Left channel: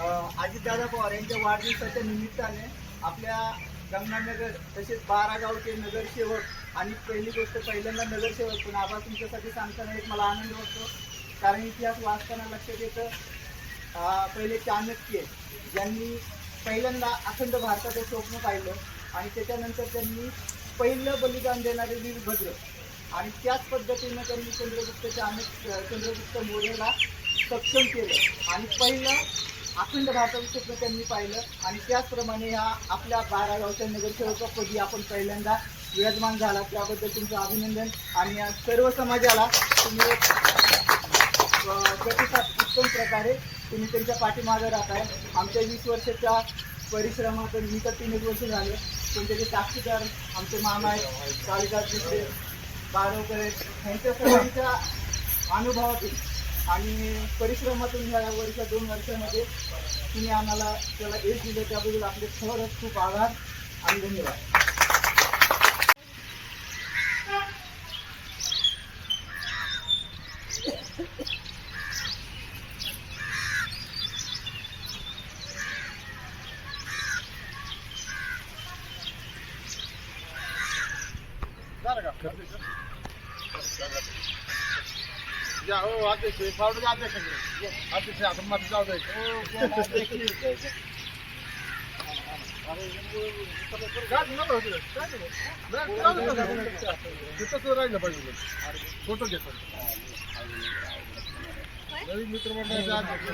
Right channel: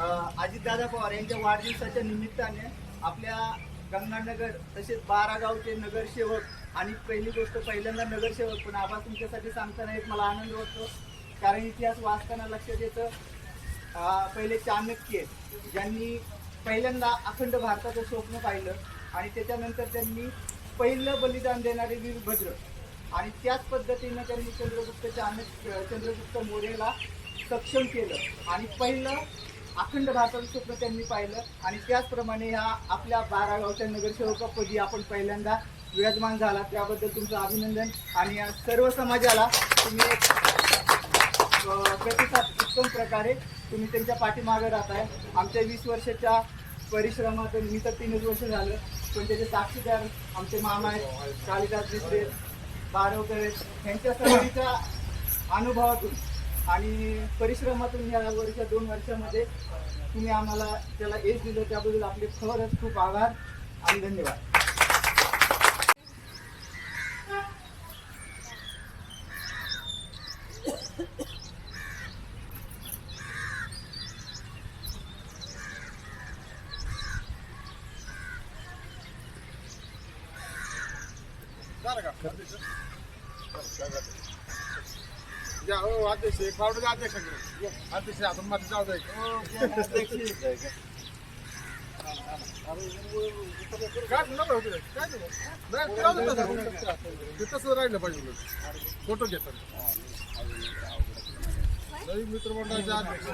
अजितदादा पवार यांच्या वाढदिवसाच्या निमित्ताने आपल्या गंगानगर तसेच 12 गावचे नगरसेवक आणि पहिली गोष्ट पहिल्यांदा नगरसेवक पण आबा तुमच्यासाठी सांगताना एक मला आनंद वाटतो, कारण इतिहास वाचताना लक्षात येतं पहिले चाणक्य ज्यांनी पहिल्यांदा अखंड भारताचं स्वप्न पाहिलं आणि त्याच्यानंतर त्यांनी पहिलं बलिदान देणारे वीरभद्र आणि त्याच पद्धतीनं त्यांनी चंद्रगुप्त मौर्याला सक्षम केलं आणि पहिलं अखंड भारताचं स्वप्न त्यांनी पाहिलं आणि त्याचप्रमाणे ह्या आपल्या 12 गावच्या नगरसेवकापदी आपण पहिल्यांदा विराजमान झाला, त्याबद्दल तुमचं अभिनंदन. आणि या सर्व समाजाला तुम्ही एक प्रतिसाद उत्तम प्रकारे तुम्ही त्यांच्या पाठीमागे राहताय. आमच्या 20 वर्षाच्या परिश्रमातून मी तर 3 वर्ष झालं, पण त्याचे साक्षीदार आमचे मामा आहेत, कालिदास मित्रे, बारवकर आहेत. ह्यांच्या सगळ्यांच्या अनुभवातून आणि परिश्रमातून ह्या 2 वर्षामध्ये तुम्ही आम्हाला त्याला यश दिलं, त्याबद्दल आपले खरंच खूप आभार आणि धन्यवाद. अध्यक्ष आपण मध्ये जाऊ तसं राहिलं पाहिजे. फोटो घेतात नवीन मित्रमंडळाचे अध्यक्ष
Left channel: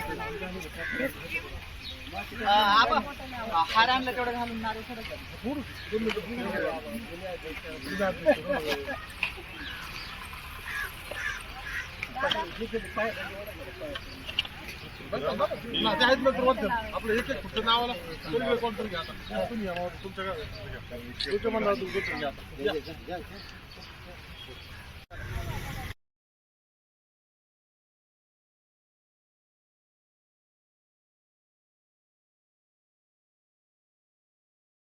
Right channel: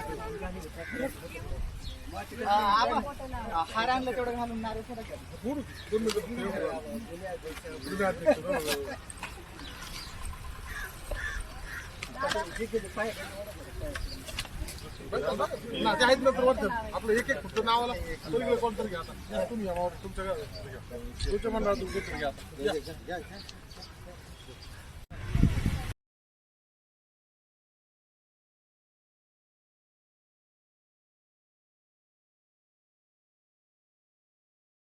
हार आणलं तेवढं घालून नारे आहेत नंतर वाटतं आपलं एक फक्त नावाला कोणतरी घ्या. तुम्ही तुमच्या मंडळातून घ्या.